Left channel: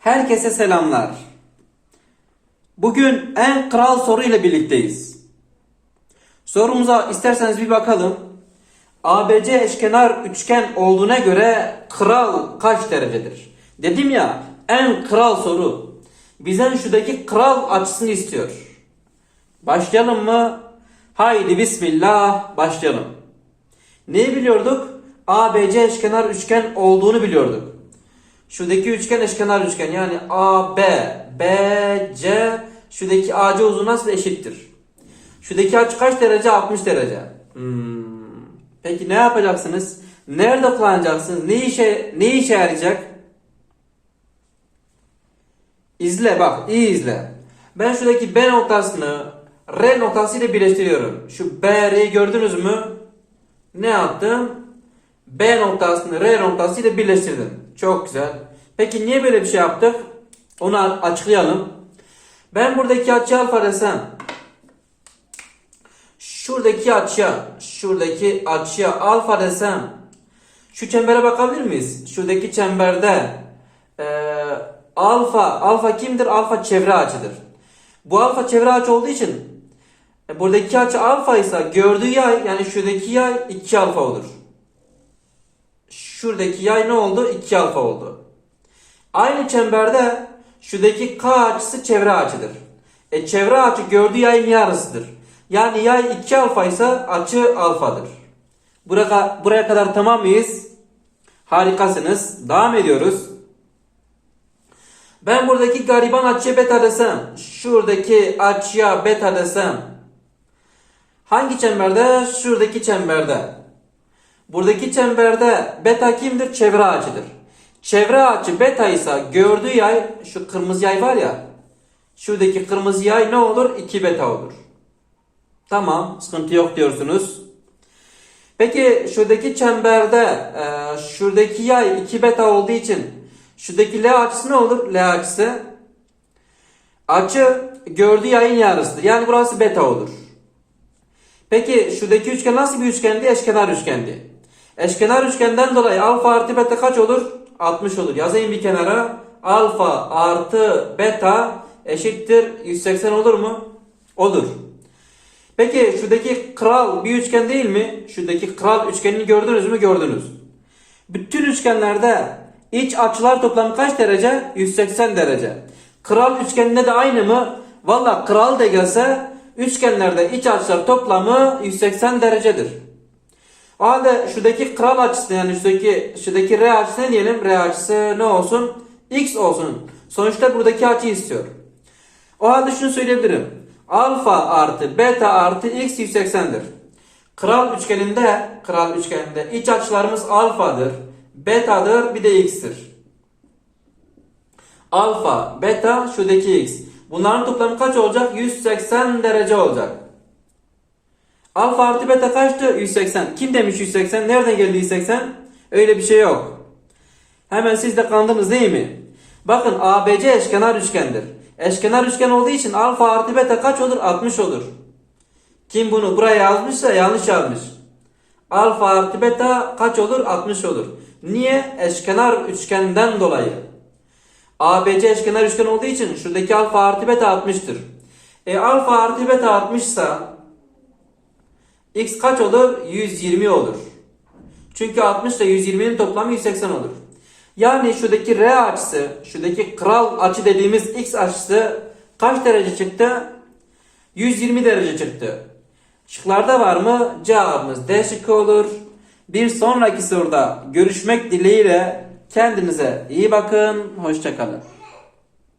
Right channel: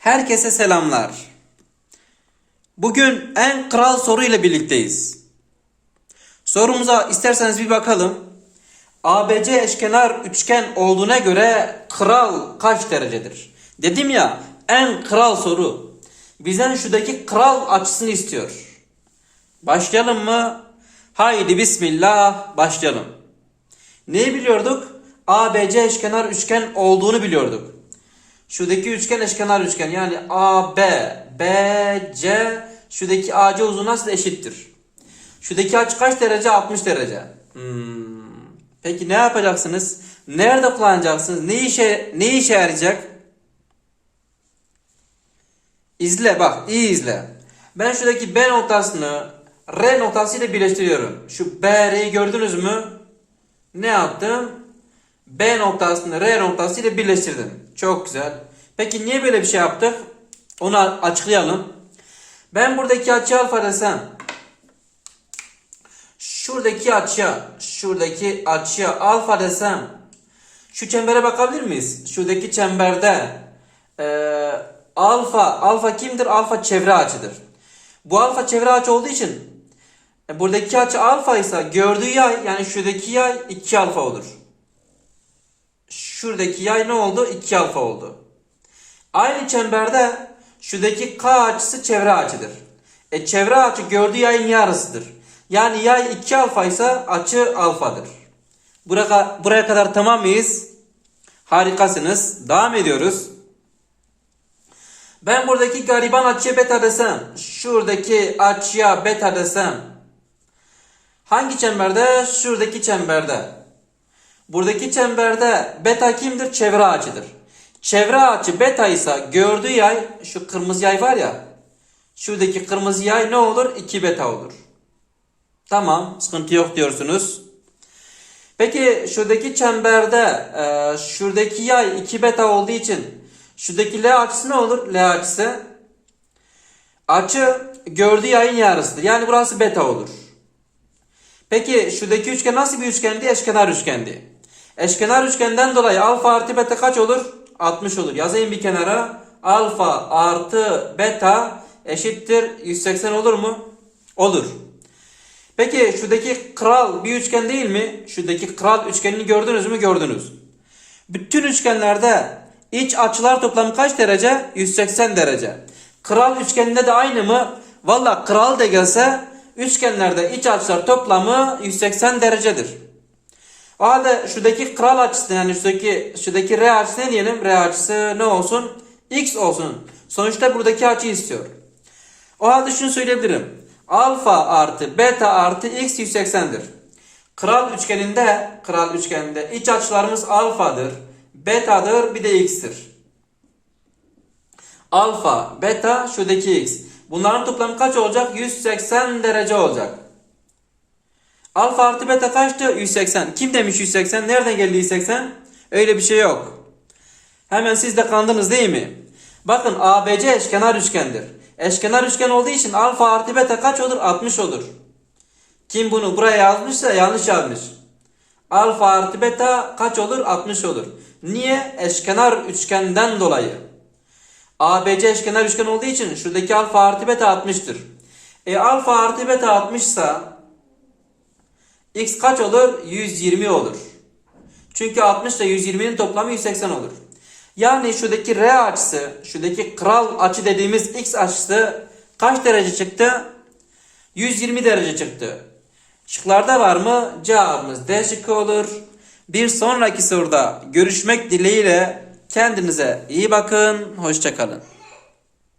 Herkese selamlar. Bugün en kral soru ile birlikteyiz. Sorumuza isterseniz bir bakalım. ABC eşkenar üçgen olduğuna göre kral kaç derecedir? Dedim ya en kral soru. Bizden şuradaki kral açısını istiyor. Başlayalım mı? Haydi bismillah başlayalım. Neyi biliyorduk? ABC eşkenar üçgen olduğunu biliyorduk. Şuradaki üçgen eşkenar üçgen yani AB, BC şuradaki AC uzunluğu nasıl eşittir? Şuradaki açı kaç derece? 60 derece. Hmm. Peki ne yapacaksınız? Nerede kullanacaksınız? Ne işe ne işe yarayacak? İzle bak, iyi izle. Ben şuradaki B noktasını R noktasıyla birleştiriyorum. Şu B, R'yi gördünüz mü? Ne yaptım? B noktasını R noktasıyla birleştirdim. Çok güzel. Peki niye böyle bir şey yaptık? Onu açıklayalım. Ben buradaki açı alfa desem şuradaki açıya şuradaki açıya alfa desem şu çembere bakabilir miyiz? Şuradaki çemberde eee, alfa alfa kimdir? Alfa çevre açıdır. Bu alfa çevre açı olduğu için e, buradaki açı alfa ise gördüğü yay yani şuradaki yay 2 alfa olur. Şuradaki yay ne oldu? 2 alfa oldu. Aynı çemberde şuradaki K açısı çevre açıdır. E çevre açı gördüğü yayın yarısıdır. Yani yay 2 alfa ise açı alfadır. Buraya, buraya kadar tamam mıyız? Harikasınız. Devam ediyoruz. Ben buradaki gariban açıya beta desem, şuradaki açıya beta desem, hangi çemberde? Şuradaki çemberde. Buradaki çemberde beta kimdir? Çevre açıdır. Çevre açı beta ise gördüğü yay şu kırmızı yay var ya. Şuradaki kırmızı yay ne olur? 2 beta olur. Tamam, sıkıntı yok diyorsunuz. Peki şuradaki çemberde e, şuradaki yay 2 beta olduğu için şuradaki L açısı ne olur? L açısı açı gördüğü yayın yarısıdır. Yani burası beta olur. Peki şuradaki üçgen nasıl bir üçgendi? Eşkenar üçgendi. Eşkenar üçgenden dolayı alfa artı beta kaç olur? 60 olur. Yazayım bir kenara. Alfa artı beta eşittir 180 olur mu? Olur. Peki şuradaki kral bir üçgen değil mi? Şuradaki kral üçgenini gördünüz mü? Gördünüz. Bütün üçgenlerde iç açılar toplamı kaç derece? 180 derece. Kral üçgeninde de aynı mı? Valla kral da gelse üçgenlerde iç açılar toplamı 180 derecedir. O halde şuradaki kral açısı yani şuradaki, şuradaki R açısı ne diyelim? R açısı ne olsun? X olsun. Sonuçta buradaki açı istiyor. O halde şunu söyleyebilirim. Alfa artı beta artı x 180'dir. Kral üçgeninde, kral üçgeninde iç açılarımız alfadır, betadır, bir de x'tir. Alfa, beta, şuradaki x. Bunların toplamı kaç olacak? 180 derece olacak. Alfa artı beta kaçtı? 180. Kim demiş 180? Nereden geldi 180? Öyle bir şey yok. Hemen siz de kandınız değil mi? Bakın ABC eşkenar üçgendir. Eşkenar üçgen olduğu için alfa artı beta kaç olur? 60 olur. Kim bunu buraya yazmışsa yanlış yazmış. Alfa artı beta kaç olur? 60 olur. Niye? Eşkenar üçgenden dolayı. ABC eşkenar üçgen olduğu için şuradaki alfa artı beta 60'tır. E alfa artı beta 60 ise x kaç olur? 120 olur. Çünkü 60 ile 120'nin toplamı 180 olur. Yani şuradaki R açısı, şuradaki kral açı dediğimiz x açısı kaç derece çıktı? 120 derece çıktı. Şıklarda var mı? Cevabımız D şıkkı olur. Bir sonraki soruda görüşmek dileğiyle kendinize iyi bakın. Hoşçakalın.